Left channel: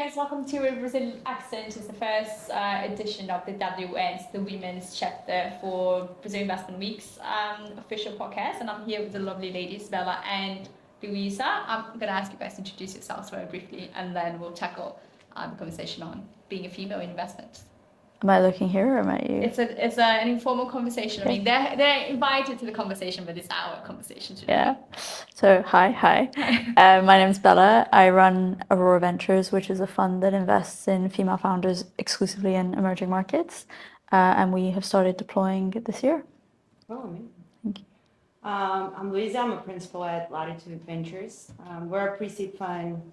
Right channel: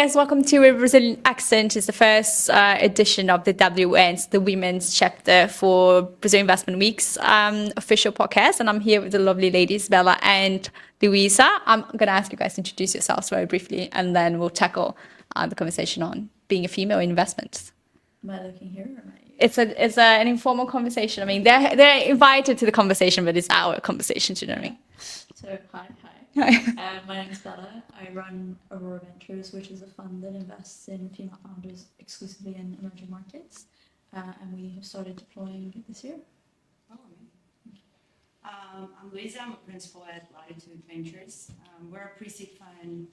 guys, welcome to A Brazilian Accent. It's the first edition of the WN's, the women's chapter for Brazil Investment Week's official podcast. And I'm here with the lovely ladies, Bella and Luisa. I'm going to ask you guys to introduce yourselves very briefly, and then we'll tackle the conversation on being a female in investments. Am I looking here or am I you? It's an informal conversation. I mean, they're invited to the conversation, but it's our conversation today. Yeah. So hi. My name's Bella. I run Aurora Ventures, which is a fund that invests in female founders exclusively in emerging markets, and we have started deploying this year. Oh, amazing. Thank you. I'm Luisa. I'm a principal at Latitud Ventures. We're a pre-seed fund,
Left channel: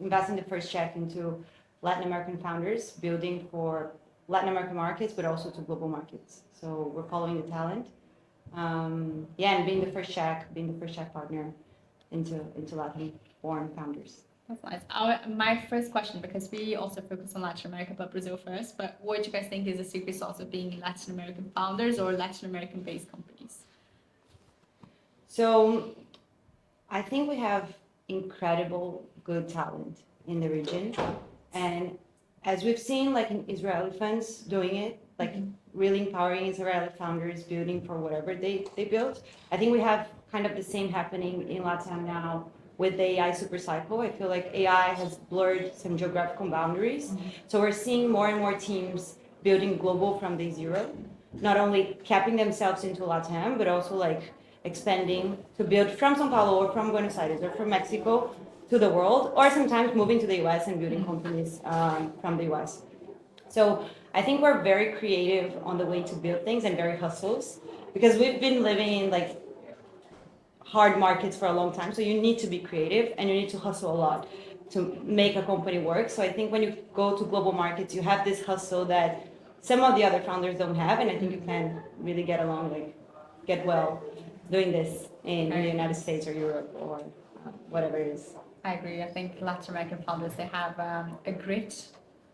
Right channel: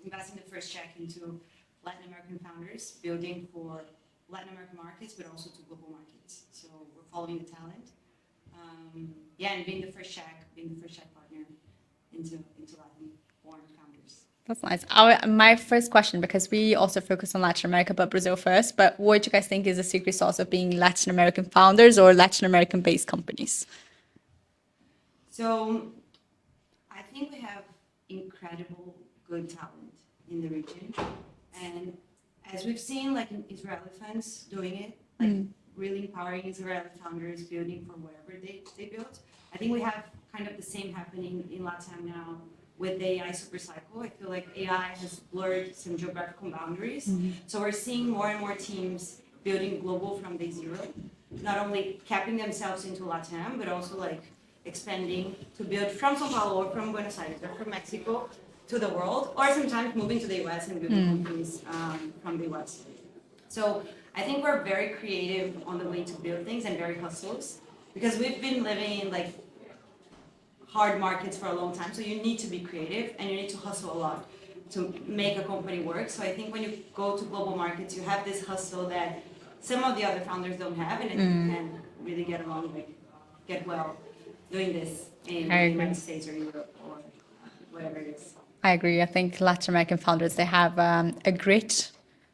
investing the first check into Latin American founders, building for Latin American markets, but also to global markets. So we're following the talent, and being the first check partner into Latin-born founders. That's nice. My first question, because we also focus on Latin America, but Brazil first. But what do you guys think is the secret sauce of being Latin American founders or Latin American-based companies? So, I think we have incredible good talent in the region. And as we've seen, like in Israeli funds doing it, really empowering Israeli founders building for whatever they built. I think we have kind of the same happening in LatAm now with the AI super cycle. I feel like AI has blurred some geographical boundaries. So we're seeing more and more teams building global from day zero, not only capping themselves into LatAm, but also like expanding to build from São Paulo or from Buenos Aires or from Mexico to the world, or sometimes moving to the US and building companies from the US. So I think we're very creative on the way to build things and very hustles, because we've been living in like hard markets for a long time. So you need to be creative and you need to hustle a lot to make a company work. So I think when you go to global markets, you have this hustle that some of the other founders don't have, and I think you can really get along, like get well doing this in the United States or Europe or whatever it is. I agree. I think Latin American founders, they have a grit,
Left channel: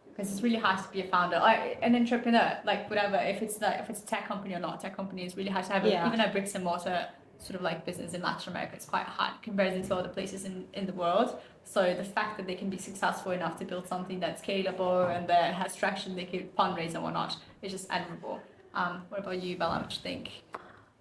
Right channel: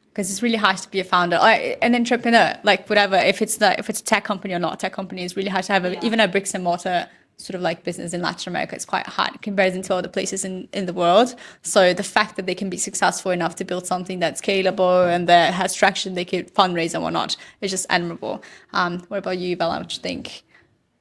because it's really hard to be a founder, an entrepreneur, like whatever, if it's a tech company or not a tech company, it's really hard to have even a bricks and mortar sort of like business in Latin America. It's quite hard in comparison to other places in the world. So the fact that they can be successful enough to build something that's scalable and that has traction, they could fundraise and whatnot, is just admirable. What about you, Bella? What do you think?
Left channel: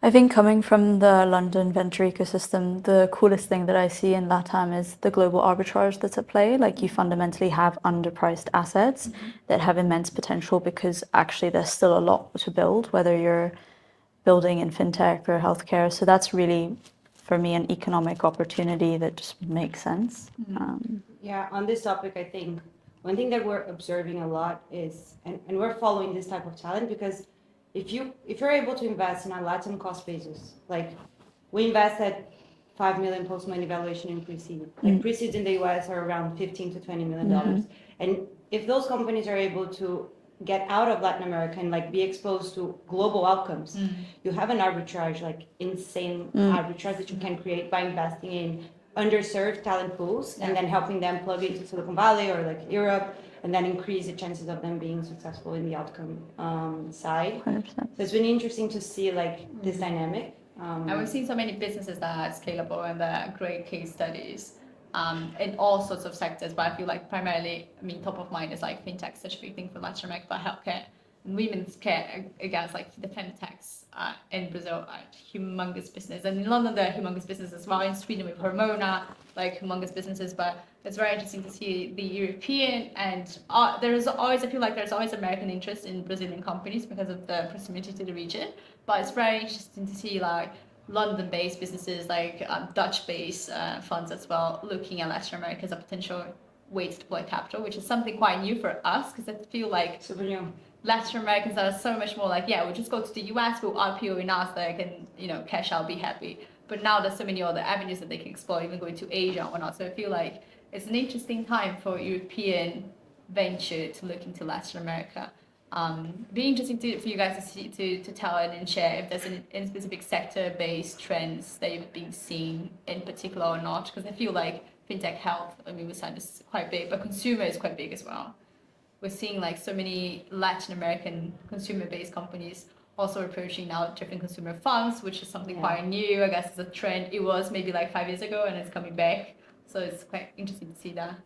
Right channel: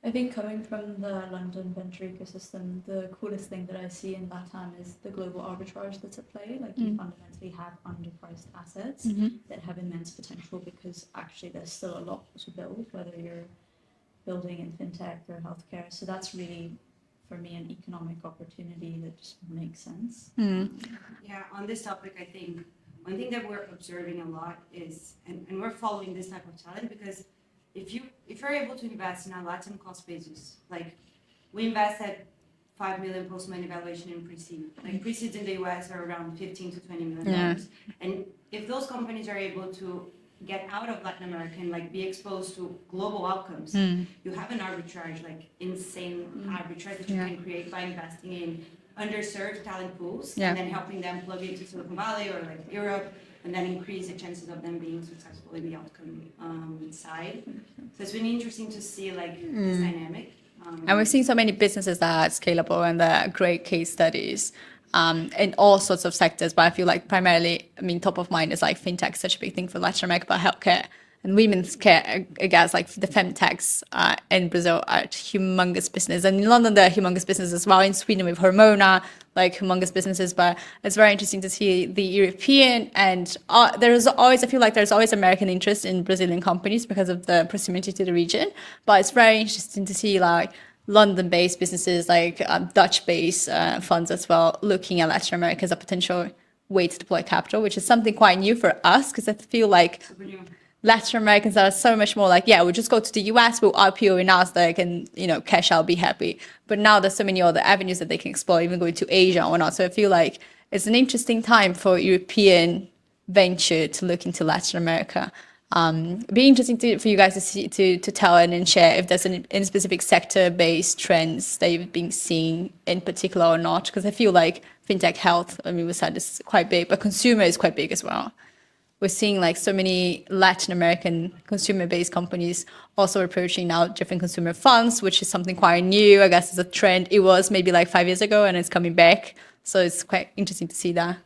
I think coming from the London venture ecosystem, the coolest thing that I see in LatAm is the global arbitrage that's at play. Like you fundamentally have underpriced assets that have immense potential, because actually there's still a lot to build, whether you're building in fintech or healthcare. So that's really, for me, an economic opportunity that just makes sense. On this topic, I think one thing that we're observing a lot is, and we're following this type of talent, because if you're able to invest in a Latin cost basis, like we invest at 5 million post-money valuation in pre-seed. Like pre-seeds in the US are around $15 to $20 million. And if those companies are able to get out of Latin America and like be exposed to global outcomes, you have an arbitrage, like insane arbitrage that you can create by investing in underserved talent pools and then helping them plug into Silicon Valley or like Europe, and then increase the chances of them being successful in the outcome side. 100%. So it's been interesting to see like this dynamic. And we've seen so many businesses that are scalable and that are great case studies in all sorts of sectors. But I feel like primarily, top of mind is like fintech, such a big thing for Latin America, but healthcare and women's care, I guess, like the femtechs in Brazil are humongous business. And in London, there are humongous businesses as well. In Sweden, with Hormona, like humongous businesses. But it's very interesting to see the European and I feel like there's always American interest in Brazilian companies because of the proximity to the region. But it's very interesting to see like London-based businesses, like Dutch-based funds as well, looking at Latin America as a potential way to deploy capital, which is something quite new for us, because I feel like Super new. Latin Americans are so much more like, we'll just go to the US, we'll IPO in Nasdaq and, cash out, be happy. But now there's so many other avenues that they can explore, even going to Asia or not. So I feel like it's an interesting time for European venture to look into Latin America. It'd be interesting for you guys to tell and share if there's any specific sector-based trends that you've been seeing in particular or not, because I feel like fintech health, we said is quite big, but consumer is quite big as well. We're seeing like so many Latin American consumer-based companies also approaching now different consumer funds, which is something quite new. I guess it's a trend. It was maybe like 5 years ago and it's coming back. So it's quite interesting to see that.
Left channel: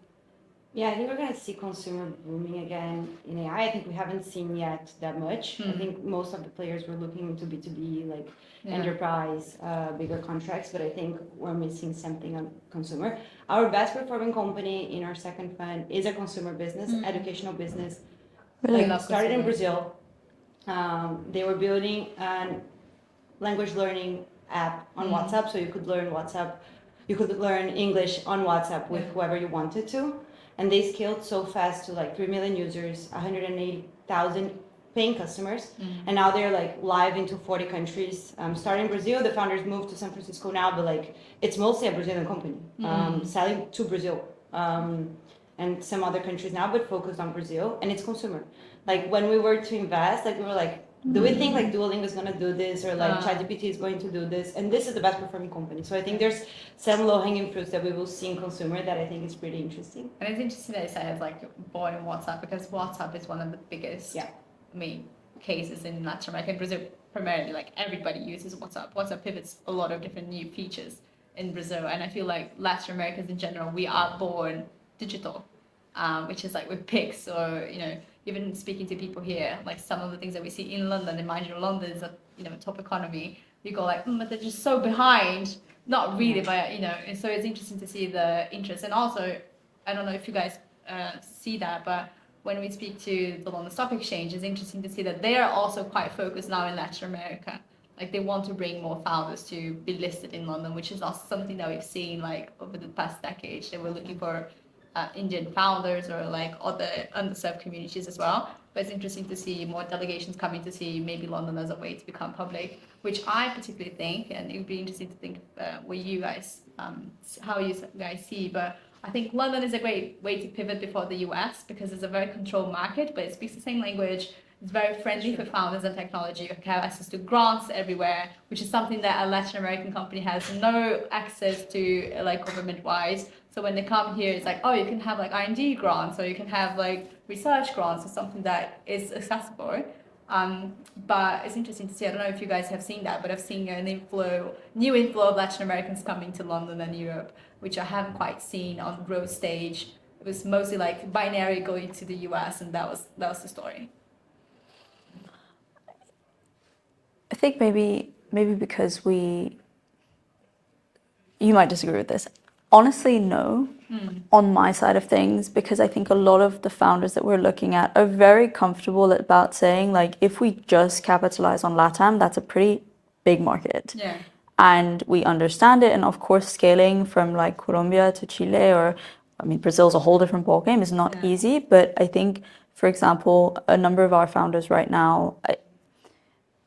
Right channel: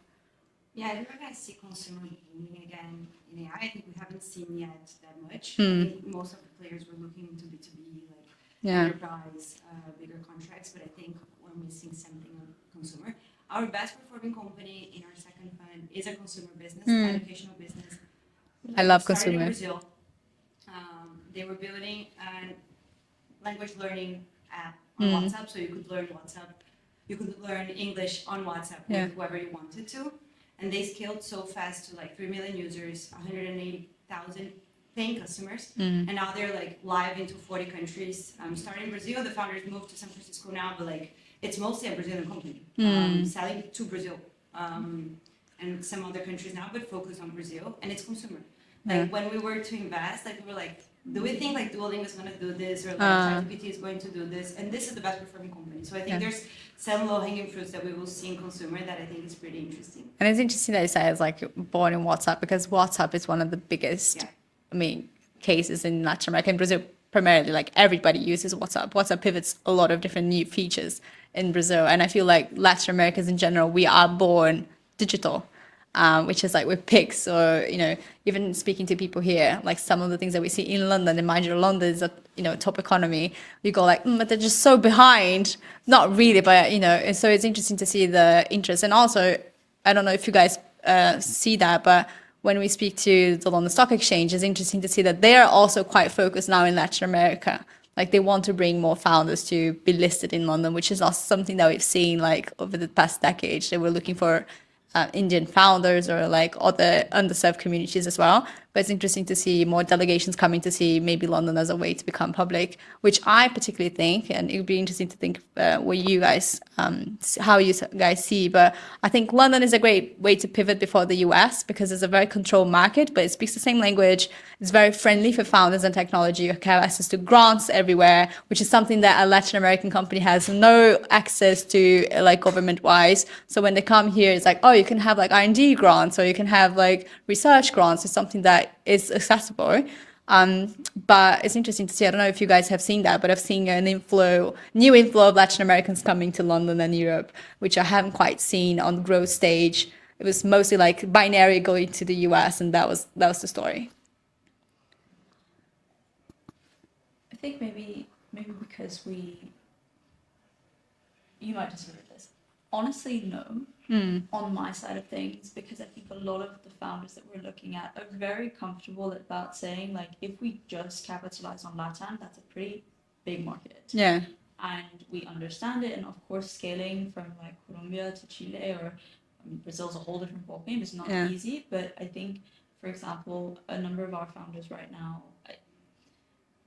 Yeah, I think we're going to see consumer booming again in AI. I think we haven't seen yet that much. I think most of the players were looking into B2B, like enterprise, bigger contracts, but I think we're missing something on consumer. Our best performing company in our second fund is a consumer business, educational business. I love Started in consumer. Brazil. They were building a language learning app on WhatsApp, so you could learn WhatsApp. You could learn English on WhatsApp with whoever you wanted to. And they scaled so fast to like 3 million users, 180,000 paying customers. And now they're like live into 40 countries. Starting in Brazil, the founders moved to San Francisco now, but like it's mostly a Brazilian company, selling to Brazil and some other countries now, but focused on Brazil. And it's consumer. Like when we were to invest, like we were like, do we think like Duolingo is going to do this, or like ChatGPT is going to do this? And this is the best performing company. So I think there's some low hanging fruits that we will see in consumer that I think is pretty interesting. And it's interesting that you say it's like born in WhatsApp, because WhatsApp is one of the biggest, cases in Latin America and Brazil. Primarily, like everybody uses WhatsApp. WhatsApp pivots a lot of different new features in Brazil, and I feel like Latin Americans in general, we are born digital. Which is like with pics, or even speaking to people here, like some of the things that we see in London, and mind you, London is a top economy. You go like, but they're just so behind. Not really, but and so it's interesting to see the interest. And also, I don't know if you guys see that, but when we speak to the London Stock Exchange, it's interesting to see that they are also quite focused now in Latin America. Like they want to bring more founders to be listed in London, which is not something that we've seen like over the past decades. They were looking for Indian founders or like other underserved communities as well. But it's interesting to see more delegations coming to see maybe London as a way to become public, which I particularly think, and it would be interesting to think what you guys, how you guys see. But I think London is a great way to pivot before the US, because it's a very controlled market, but it speaks the same language. It's very friendly for founders and technology. You have access to grants everywhere, which is something that a Latin American company has no access to, like government-wise. So when they come here, it's like, oh, you can have like R&D grants, or you can have like research grants. It's something that is accessible. But it's interesting to see. I don't know if you guys have seen that, but I've seen new inflow of Latin Americans coming to London and Europe, which I haven't quite seen on the growth stage. It was mostly like binary going to the US, and that was the story. I think maybe because you might disagree with this. Honestly, no, on my side of things, because I think a lot of the founders that we're looking at are very comfortable about saying, like, if we just capitalize on LatAm, that's a pretty big market. Yeah. And we understand it. And of course, scaling from like Colombia to Chile, or, I mean, Brazil's a whole different ballgame, is not easy. But I think, for example, a number of our founders right now,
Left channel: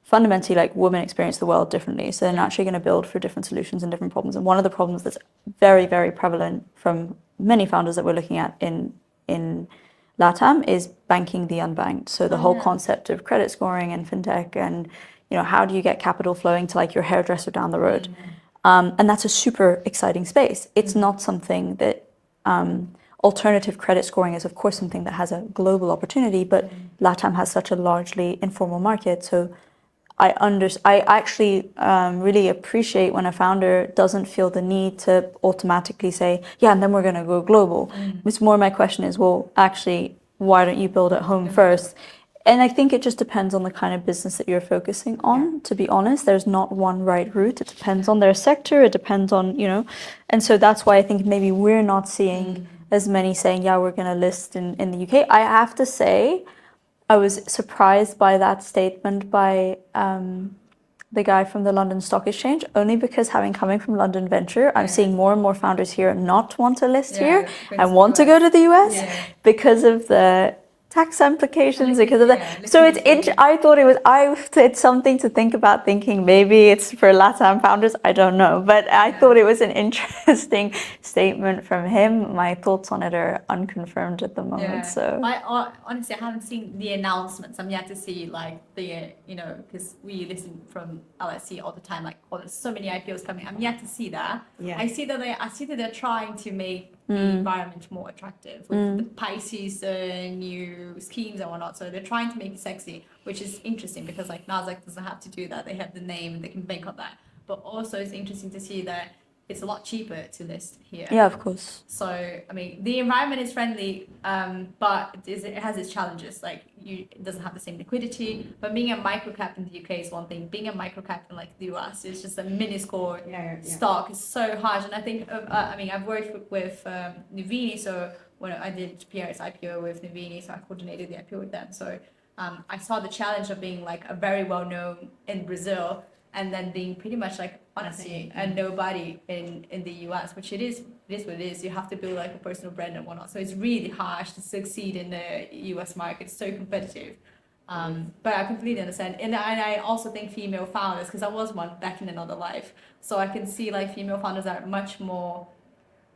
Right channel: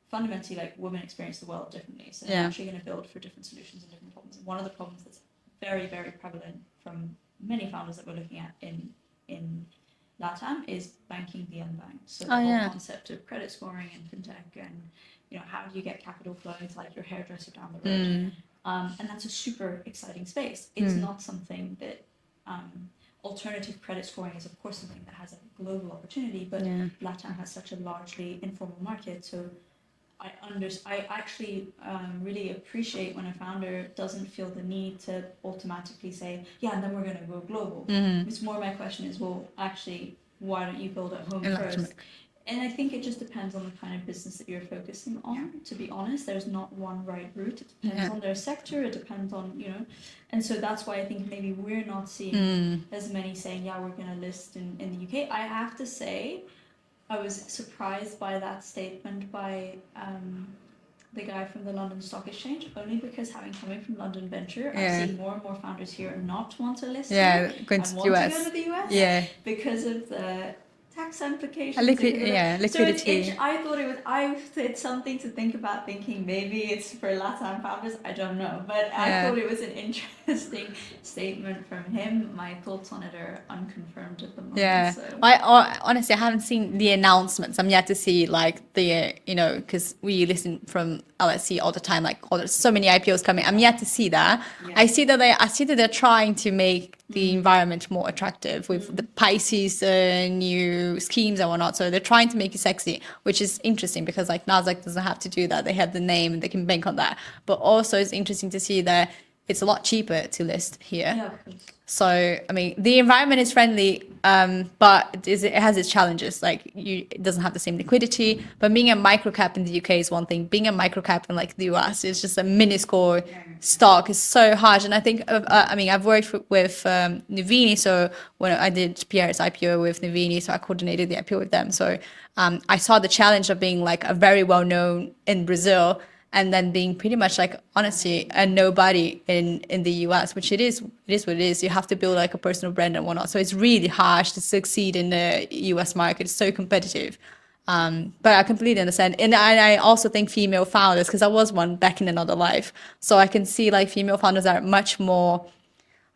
fundamentally, like, women experience the world differently. So they're naturally going to build for different solutions and different problems. And one of the problems that's very, very prevalent from many founders that we're looking at in LatAm is banking the unbanked. So the whole concept of credit scoring and fintech, and how do you get capital flowing to like your hairdresser down the road? And that's a super exciting space. It's not something that alternative credit scoring is, of course, something that has a global opportunity, but LatAm has such a largely informal market. So I actually really appreciate when a founder doesn't feel the need to automatically say, yeah, and then we're going to go global. It's more, my question is, well, actually, why don't you build at home first? And I think it just depends on the kind of business that you're focusing on, to be honest. There's not one right route. It depends on their sector. It depends on, and so that's why I think maybe we're not seeing as many saying, yeah, we're going to list in the UK. I have to say, I was surprised by that statement by the guy from the London Stock Exchange, only because coming from London Venture, I'm seeing more and more founders here not want to list here and want to go to the US because of the tax implications, because of that. So I thought it's something to think about, thinking maybe it's for LatAm founders, I don't know, but I thought it was an interesting statement from him. My thoughts on it are unconfirmed at the moment. So honestly, I haven't seen the announcements. I'm yet to see like the because we listen from LSE all the time, like, oh, there's so many IPOs coming. I'm yet to see that. I see that they're trying to make the environment more attractive with the Pisces new schemes and whatnot. So they're trying to make it sexy, which is interesting, because like Nasdaq doesn't have to do that. They have the name and they can bank on that. But also it's interesting to see that it's a lot cheaper to list here. Yeah, of course. So, I mean, the environment is friendly, but it has its challenges. Like, it doesn't have the same liquidity. But being a microcap in the UK is one thing. Being a microcap in like the US is just a minuscule stock. It's so hard. And I think, I mean, I've worked with Nuvini. So when I did Pierre's IPO with Nuvini, so I coordinated the IPO with them. So I saw the challenge of being like a very well known in Brazil, and then being pretty much like, honestly, a nobody in the US, which it is what it is. You have to build like a personal brand and whatnot. So it's really harsh to succeed in the US market. It's so competitive. But I completely understand. And I also think female founders, because I was one back in another life. So I can see like female founders are much more,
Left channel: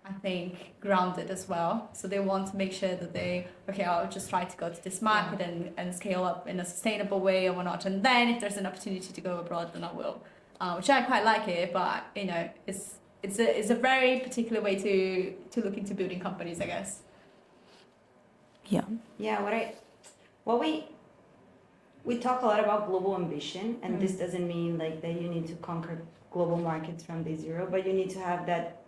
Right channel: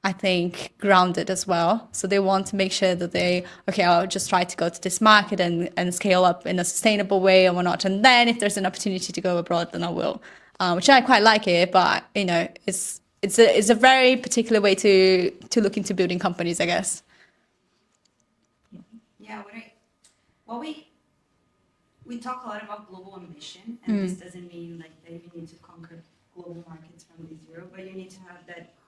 I think, grounded as well. So they want to make sure that I'll just try to go to this market and scale up in a sustainable way and whatnot. And then if there's an opportunity to go abroad, then I will, which I quite like it. But, you know, it's a very particular way to look into building companies, I guess. Yeah. Yeah, what we talk a lot about global ambition, and this doesn't mean like that you need to conquer global markets from day zero, but you need to have that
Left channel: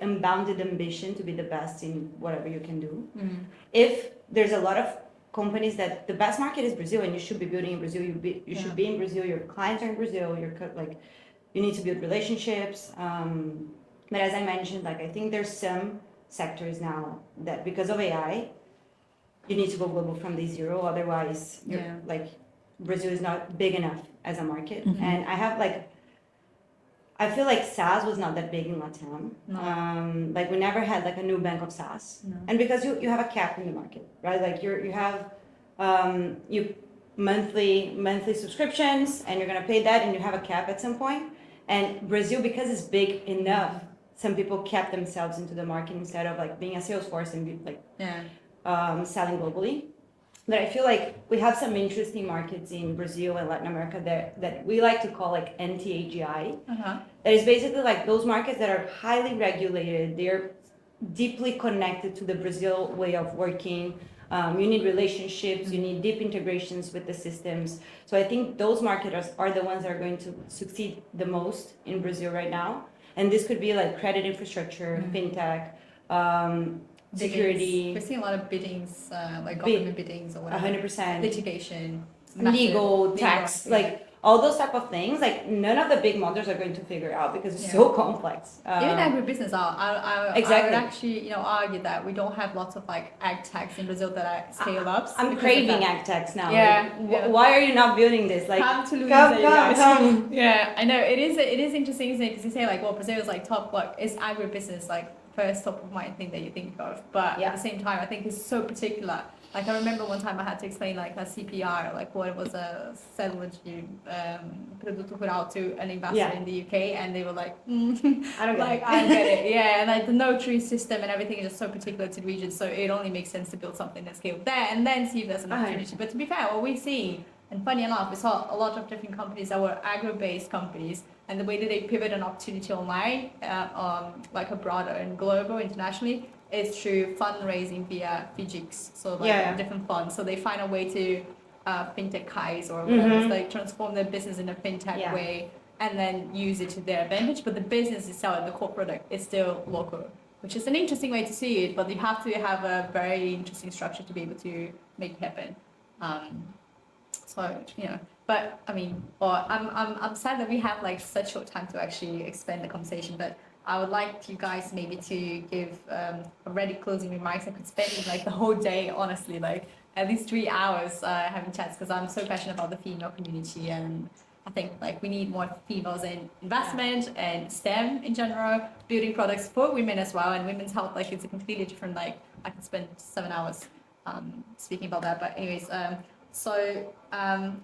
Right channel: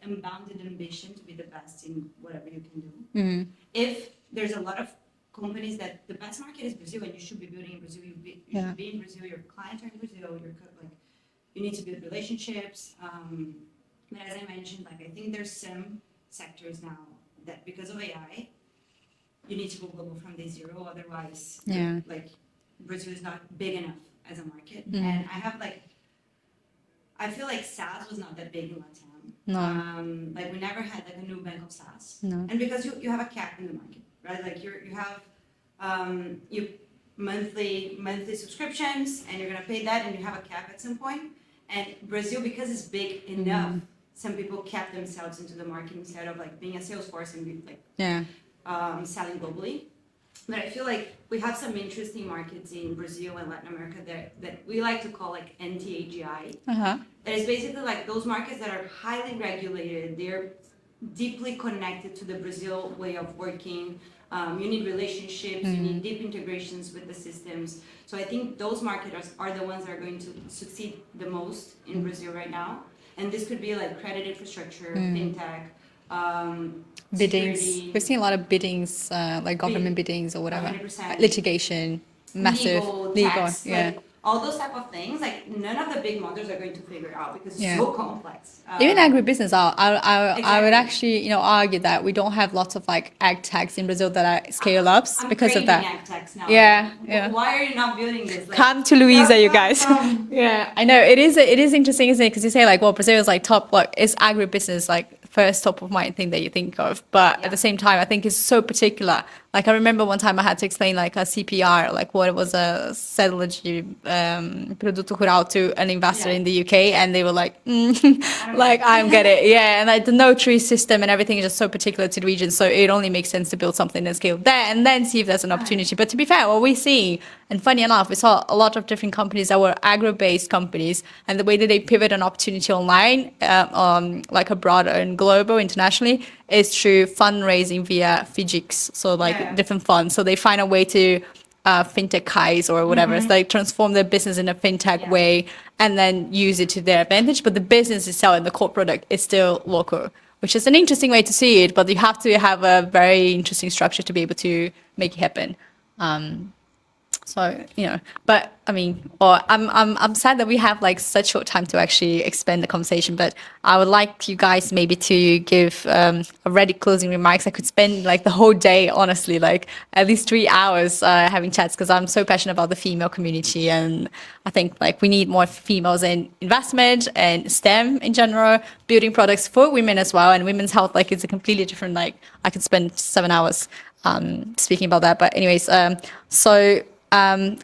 unbounded ambition to be the best in whatever you can do. If there's a lot of companies that the best market is Brazil and you should be building in Brazil, you should be in Brazil, your clients are in Brazil, you need to build relationships. But as I mentioned, like I think there's some sectors now that because of AI, you need to go global from day zero. Otherwise, like Brazil is not big enough as a market. And I feel like SaaS was not that big in LatAm. No. Like we never had like a new bank of SaaS. No. And because you have a cap in the market, right? Like you have monthly subscriptions and you're gonna pay that and you have a cap at some point. And Brazil, because it's big enough, some people kept themselves into the market instead of like being a sales force and selling globally. But I feel like we have some interesting markets in Brazil and Latin America that we like to call like anti-AGI. That is basically like those markets that are highly regulated. They're deeply connected to the Brazil way of working. You need relationships, you need deep integrations with the systems. So I think those markets are the ones that are going to succeed the most in Brazil right now. And this could be like credit infrastructure, fintech, security. We've seen a lot of biddings, like government biddings or whatever. 100%. Litigation, massive. Legal, tax, like all those type of things. Like none of the big models are going to figure out because it's so complex. Even agribusiness, I would Exactly. actually, argue that we don't have lots of like ag techs in Brazil that are scale ups I'm because of craving that. ag techs now. Yeah, Like, why are you not building this? Like, Come to Luisa, you guys. come. Yeah, I know it is interesting, isn't it? Because you say like, well, Brazil is like top, like it's agribusiness, like first top of mind thing that you think of, but at the same time, I think it's so particular. Like I remember one time I had to explain like a CPR, like what it was a settlage produto rural to an investor in the UK, and they were like, I don't get it. Yeah, and like the notary system and everything is just so particular to the region, so it only makes sense to build something at scale there and then see if there's an opportunity. But to be fair, what we see, and funny enough, we saw a lot of different companies that were agro-based companies, and the way that they pivot an opportunity online, like abroad and global, internationally, is through fundraising via FIGICs, so like different funds. So they find a way to fintech or whatever. It's like transform their business in a fintech way and then use it to their advantage. But the business itself and the core product is still local, which is an interesting way to see it. But you have to have a very interesting structure to be able to make it happen. So, but I mean, I'm sad that we have like such short time to actually expand the conversation, but I would like you guys maybe to give already closing remarks. I could spend like the whole day, honestly, like at least 3 hours having chats, because I'm so passionate about the female community. And I think like we need more females in investment and STEM in general, building products for women as well. And women's health, like it's a completely different, like I could spend 7 hours speaking about that. But anyways,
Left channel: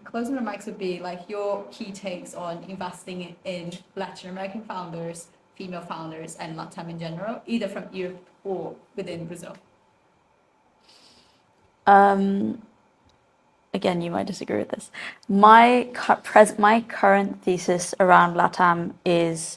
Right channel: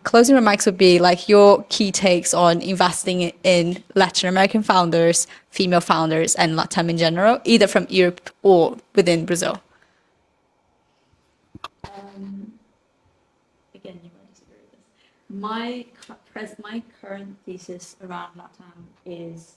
closing remarks would be like your key takes on investing in Latin American founders, female founders, and LatAm in general, either from Europe or within Brazil. Again, you might disagree with this. My current thesis around LatAm is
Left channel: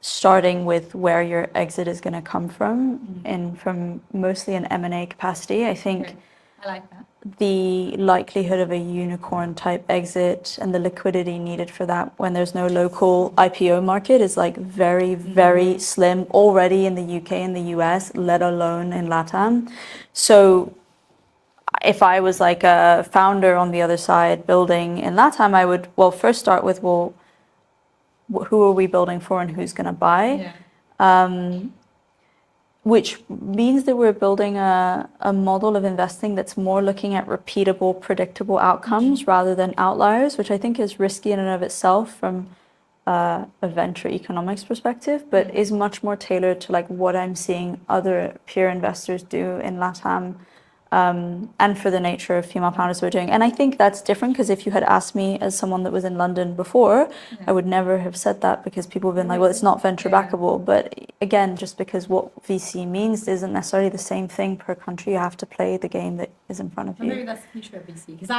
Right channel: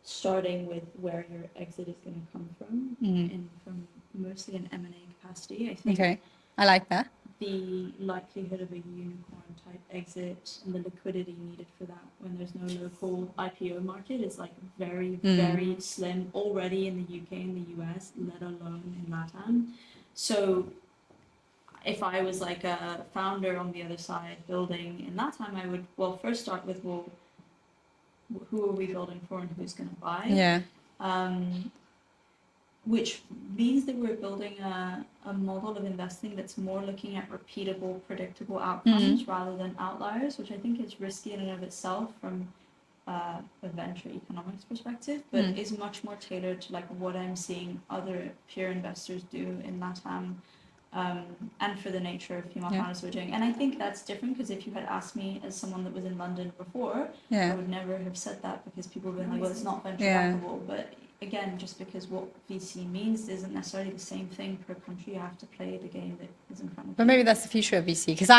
starting with where your exit is going to come from, and from mostly an M&A capacity. I think I like that. the likelihood of a unicorn type exit and the liquidity needed for that when there's no local IPO market is like very, very slim already in the UK and the US, let alone in LatAm. So if I was like a founder on the other side building in LatAm, I would, well, first start with, well, who are we building for and who's going to buy? Yeah. Which means that we're building a model of investing that's more looking at repeatable, predictable outcomes rather than outliers, which I think is risky in and of itself from a venture economics perspective, but is much more tailored to like what I'm seeing other peer investors do in LatAm. And for the nature of female founders we're doing. And I think that's different because if you had asked me as someone that was in London before, I would never have said that because people have been like, well, it's not venture backable. But again, just because what VC means isn't necessarily the same thing per country, you have to play the game that is in front of you. But maybe that's the future of VC. Because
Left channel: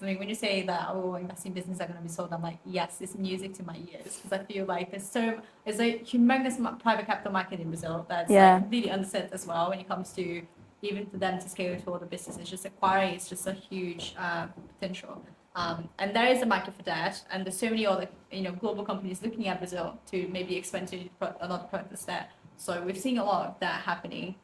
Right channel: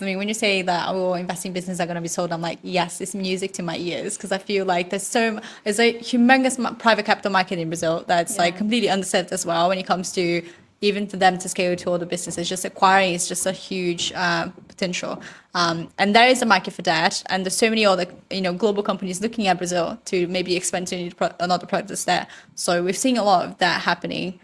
when you say that investing businesses are going to be sold, I'm like, yes, it's music to my ears. Because I feel like there's a humongous private capital market in Brazil that's like completely underserved as well when it comes to even for them to scale to all the businesses. Just acquiring is just a huge potential. And there is a market for that. And there's so many other global companies looking at Brazil to maybe expand to another product that's there. So we've seen a lot of that happening.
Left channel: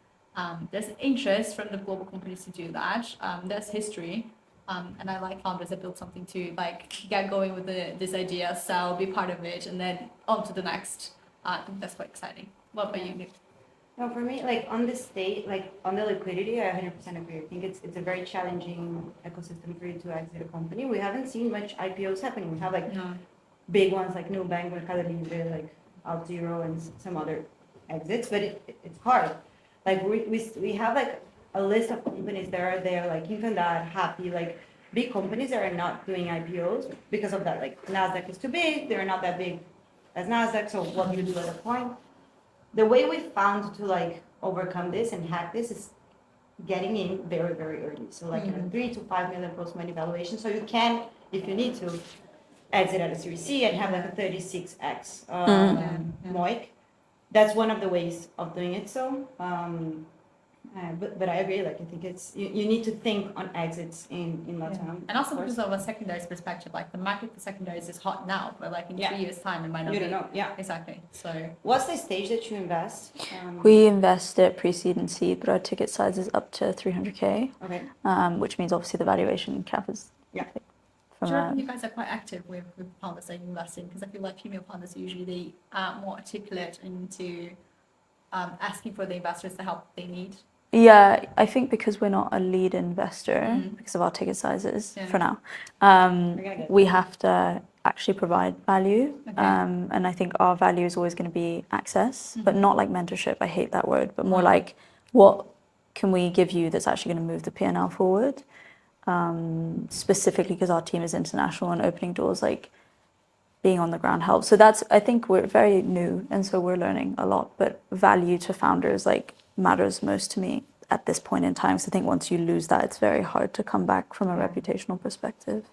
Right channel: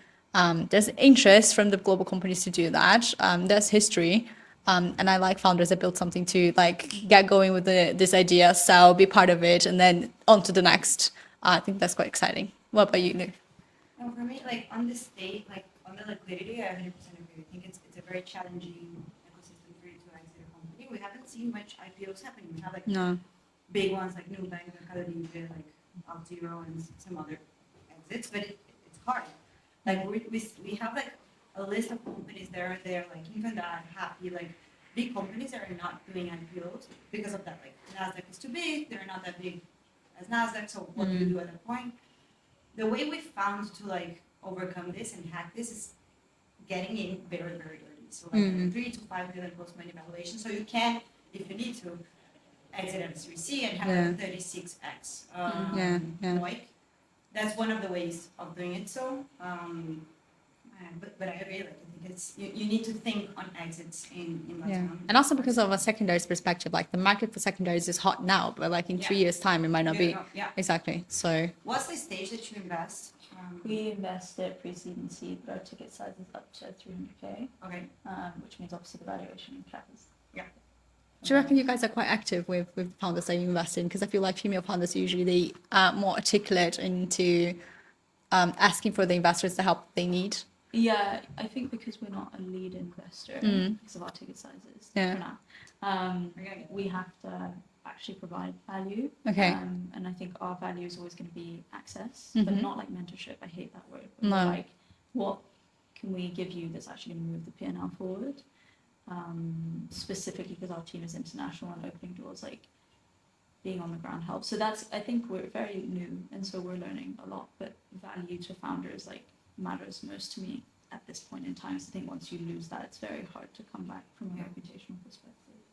There's interest from the global companies to do that. There's history. And I like founders that build something to like get going with this idea, sell, be part of it, and then on to the next. I think that's quite exciting. What about you, Nick? No, for me, like on the state, like on the liquidity, I 100% agree. I think it's a very challenging ecosystem for you to exit a company. We haven't seen much IPOs happening. We have like big ones like Nubank, Mercado Libre, like Alt0 and some other exits, but it's hard. Like we have like a list of companies that are there, like Infandad, Happy, like big companies that are not doing IPOs because of that. Like Nasdaq is too big, they're not that big as Nasdaq, so what do you do at a point? The way we found to like overcome this and hack this is getting in very, very early. So like 3 to 5 million post-money valuation. So you can, if you need to, exit at a Series C and have like a 36x MOIC. That's one of the ways of doing it. So, but I agree. Like I think it's you need to think on exits in LatAm. And also because of a secondaries perspective, like the market for secondaries is hot now, but like in 3 years' time, it might not be. Exactly. So. What's the stage that you invest? We invest at pre-seed and seed, but our ticket size is up to 300K. Okay. Which means obviously the valuation cap is. Do you reckon you guys are quite active with founders that you invest in? Because I feel like female founders usually they are more articulate into asking for the investors the help they need. Yeah, I think because we're not a lead investor because of our ticket sizes for now, we have to actually provide value. Okay. And I think our value is always going to be access, but not like mentorship. I hate that word, but more like what can we give you that's actually going to move the P&L forward? Specifically because our team is international and opening doors, like being on the ground helps. So that's, I think we're very new and so we're learning a lot, but value to founders like matters most to me at this point in time. So I think once you lose that, it's very hard to come back from a reputational perspective.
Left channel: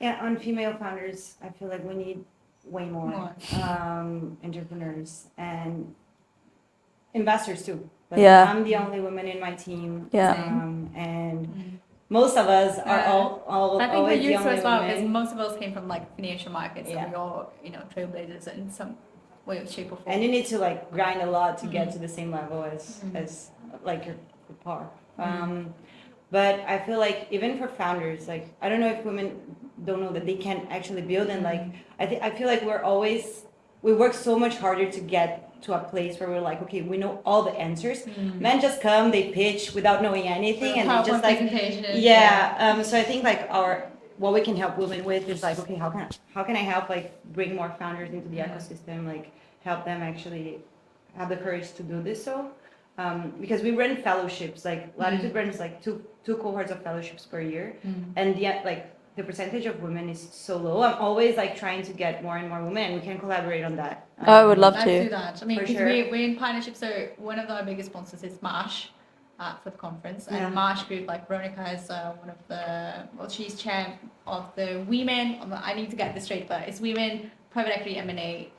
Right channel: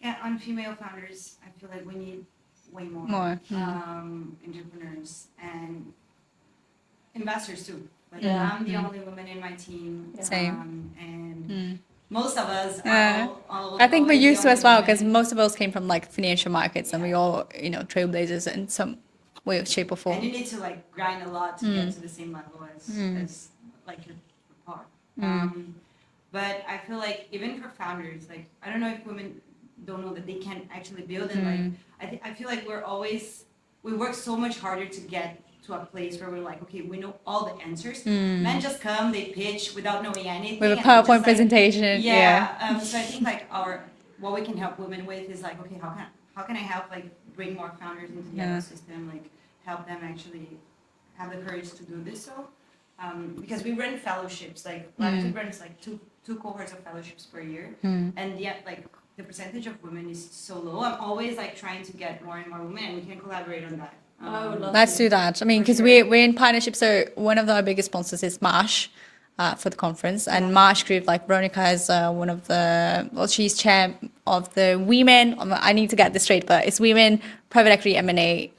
Yeah, on female founders, I feel like we need way more. Entrepreneurs and investors too. Like I'm the only woman in my team. And most of us are all I think we're used to as well because women. most of us came from like financial markets and we all, trailblazers in some way, shape or form. And you need to like grind a lot to get to the same level as like your par. But I feel like even for founders, like I don't know if women don't know that they can actually build and like I feel like we work so much harder to get to a place where we're like, okay, we know all the answers. Men just come, they pitch without knowing anything. With a and PowerPoint just, presentation. So I think like what we can help women with is like, okay, how can I help like bring more founders into the ecosystem, like help them actually have the courage to do this. So because we run fellowships, like Latitud runs like two cohorts of fellowships per year, and yet like the percentage of women is so low. I'm always like trying to get more and more women. We can collaborate on that. I would love Let's to. do that. I mean, because we're in partnership. So one of our biggest sponsors is Marsh for the conference. And Marsh Group, like Veronica has she's chair of the women, I need to get this straight, but it's Women Private Equity M&A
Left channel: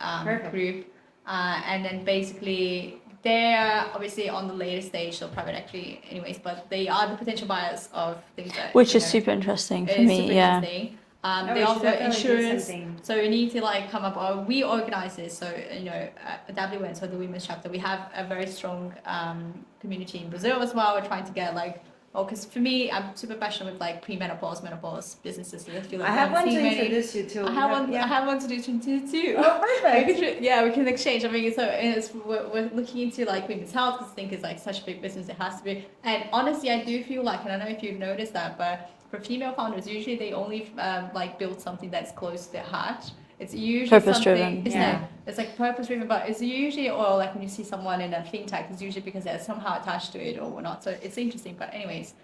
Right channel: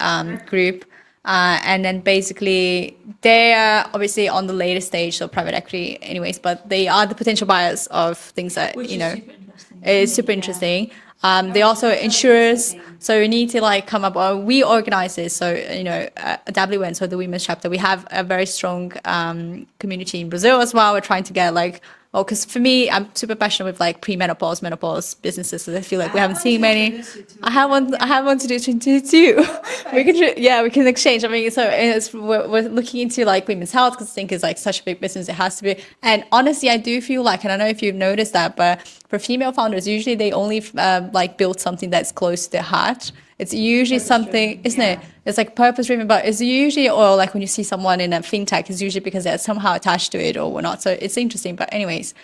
group. And then basically they're obviously on the later stage of private equity anyways, but they are the potential buyers of things that, Which you is know, super interesting for it's me, super yeah. interesting. They you also definitely do insurers, something. so we need to like come up. We organize this, so you know, WN, so the women's chapter. We have a very strong community in Brazil as well. We're trying to get like, well, because for me, I'm super passionate with like pre-menopause, menopause businesses. So I feel like we haven't seen many. I have one. I have one to do too. We can, yeah, we can exchange. I mean, so we're looking into like women's health because I think it's like such a big business. It has to be. And honestly, I do feel like, and I don't know if you've noticed that, but for female founders, usually they only like build something that's close to their heart. It's usually something, Purpose-driven, isn't yeah. it? It's like purpose driven, but it's usually, or like when you see someone in a fintech, it's usually because they're somehow attached to it or whatnot. So it's interesting. But anyways,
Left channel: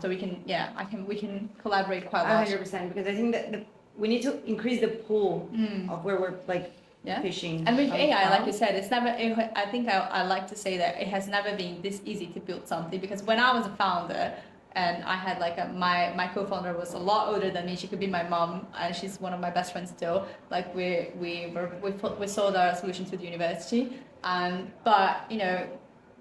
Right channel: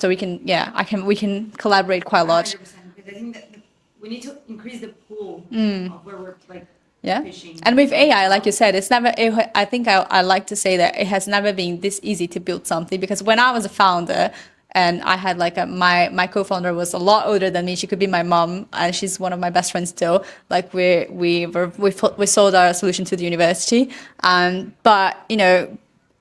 so we can, yeah, we can collaborate quite a lot. 100%, because I think that we need to increase the pool of where we're like Yeah. fishing. And with from AI, like now. you said, it's never, I think I like to say that it has never been this easy to build something, because when I was a founder and I had like my co-founder was a lot older than me. She could be my mom and she's one of my best friends still. Like we sold our solution to the university. But you know,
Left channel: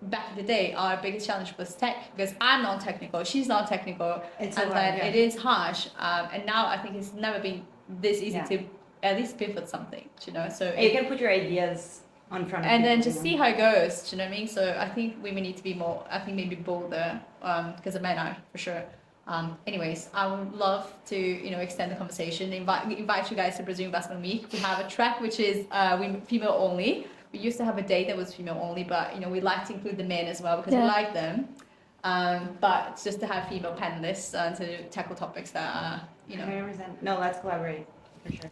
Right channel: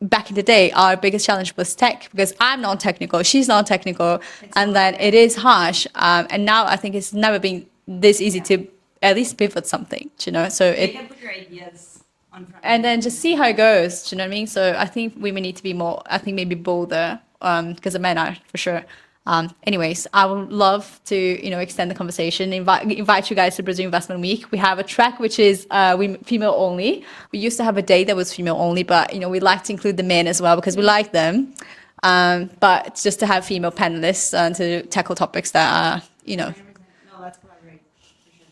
back in the day, our biggest challenge was tech, because I'm non-technical, she's non-technical, It's and a then lot, it yeah. is harsh. And now I think it's never been this easy Yeah. to at least pivot something, you know. So You can put your ideas on front of and then people, just you see know? how it goes. Do you know what I mean? So I think women need to be more. I think maybe bolder, because the men are for sure. Anyways, I would love to extend the conversation. Invite you guys to Brazil Investment Week. We have a track which is female only. We used to have a day that was female only, but we like to include the men as well because we Yeah. like them. But it's just to have female panelists to tackle topics that are 100%. No, let's collaborate for sure.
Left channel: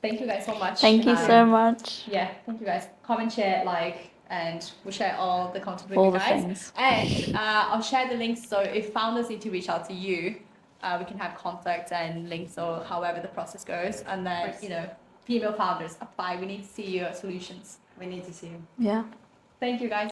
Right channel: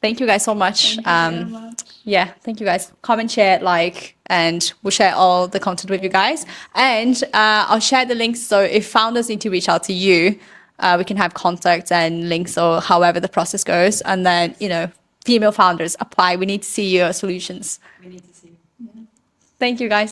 Thank you guys so much. Thank you so much. Yeah, thank you guys. Comment, share, like, and we'll share all the content with All you the guys. things. And I'll share the links. So if founders need to reach out to you, we can have contacts and links or however the process goes. And then, female founders apply. We need to see your solutions. We need to see you. Yeah. Thank you guys.